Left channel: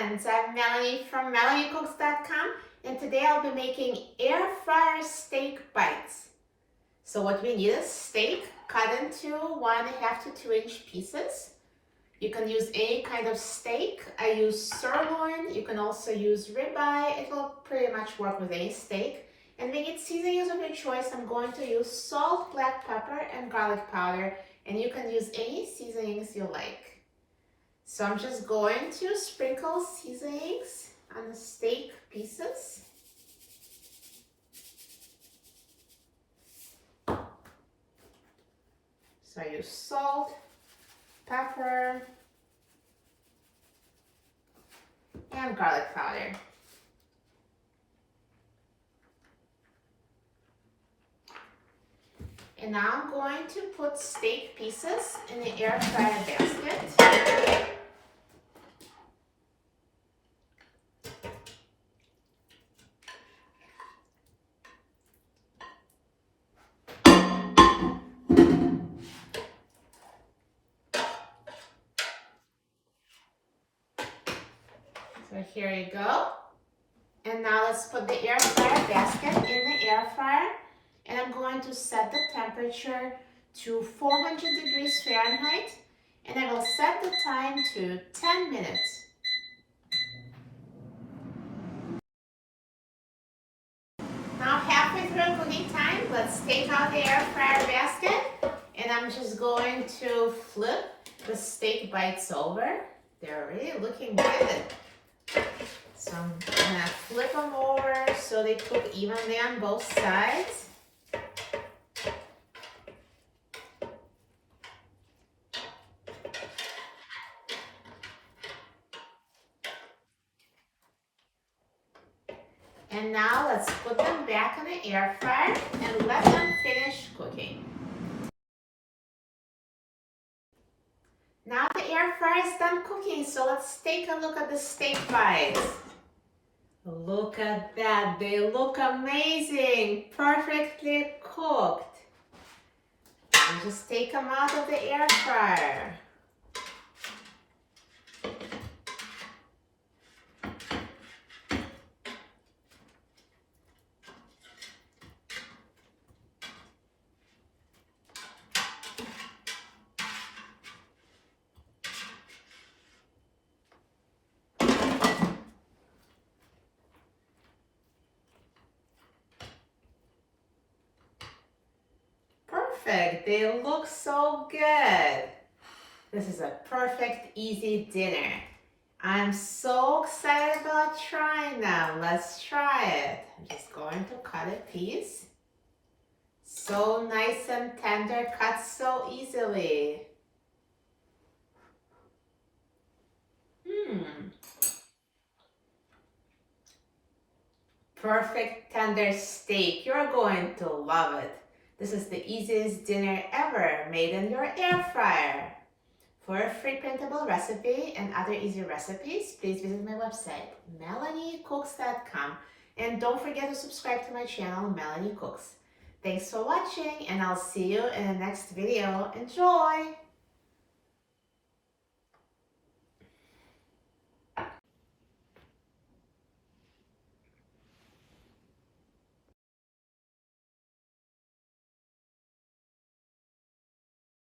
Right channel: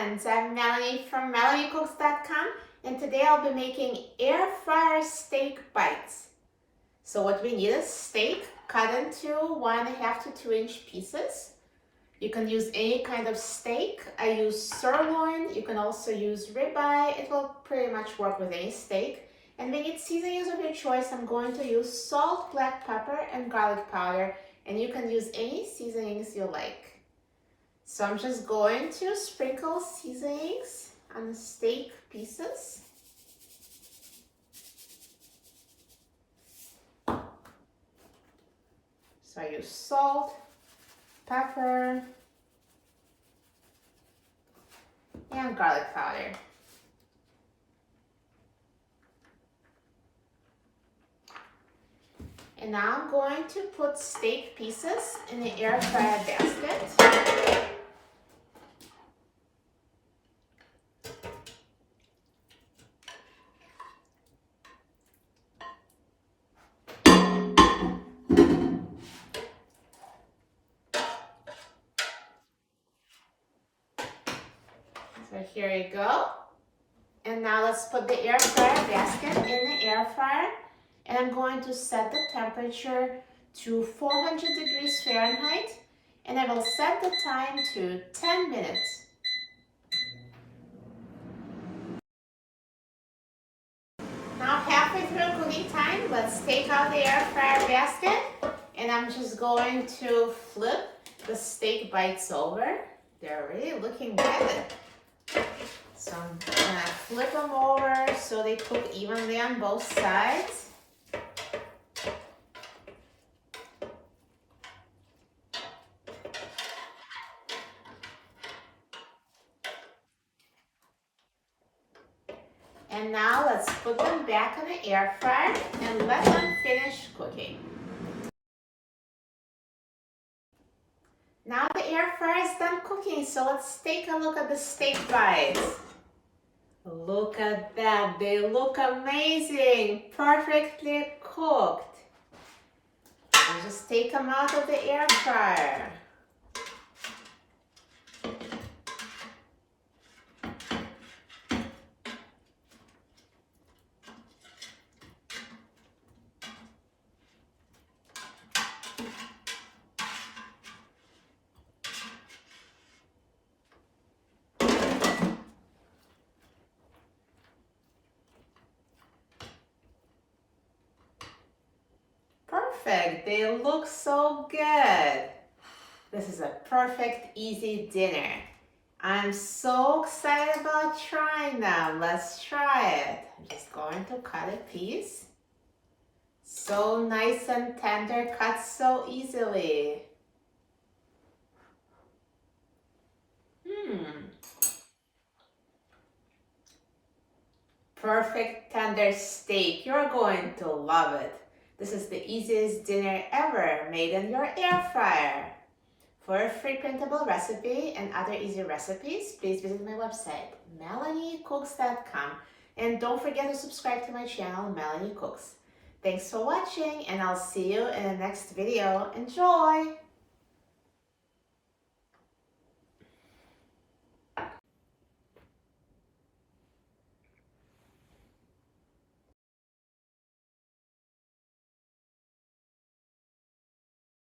friends, I'm Melanie from MelanieCooks.com, and today I'll be making air fryer steak bites. So what we need is steak cut into 1.5 to 2-inch pieces. You can use any kind of steak. I use sirloin. You can also use ribeye. It will pretty much work with any steak. And we need seasonings of your choice. I'm going to use salt, black pepper, and garlic powder, and you can use any seasonings you like. So I'm just going to sprinkle seasonings on the steak pieces. So I use salt, pepper, and garlic powder. And now I'm going to put steak pieces in the air fryer basket. So here you go. And now let's put the air fryer basket in the air fryer. And I'm going to set the temperature to 400 degrees Fahrenheit. And I will set the time to 10 minutes. Now halfway through cooking time, let's take out the air fryer basket. And I'm just going to flip the steak bites over. They're really looking good. So I'm gonna flip them over so they cook evenly on both sides. And now let's put them back in the air fryer and let them finish cooking. Now the air fryer is done cooking, so let's take a look at the steak bites. Look at that, they look amazing, perfectly cooked. And just take them out of the air fryer. Perfect, they look so good. This is a perfect, easy dinner. I'm so excited about trying them. Let's try it. I'm just going to cut a piece. So nice and tender, cut so easily. Perfect tender steak. You're going to love it. This is the easiest dinner ever made in your air fryer. For a free printable recipe and other easy recipes, please visit my website, MelanieCooks.com. And don't forget to subscribe to my channel, Melanie Cooks. Thanks for watching, and I'll see you in the next video. Enjoy!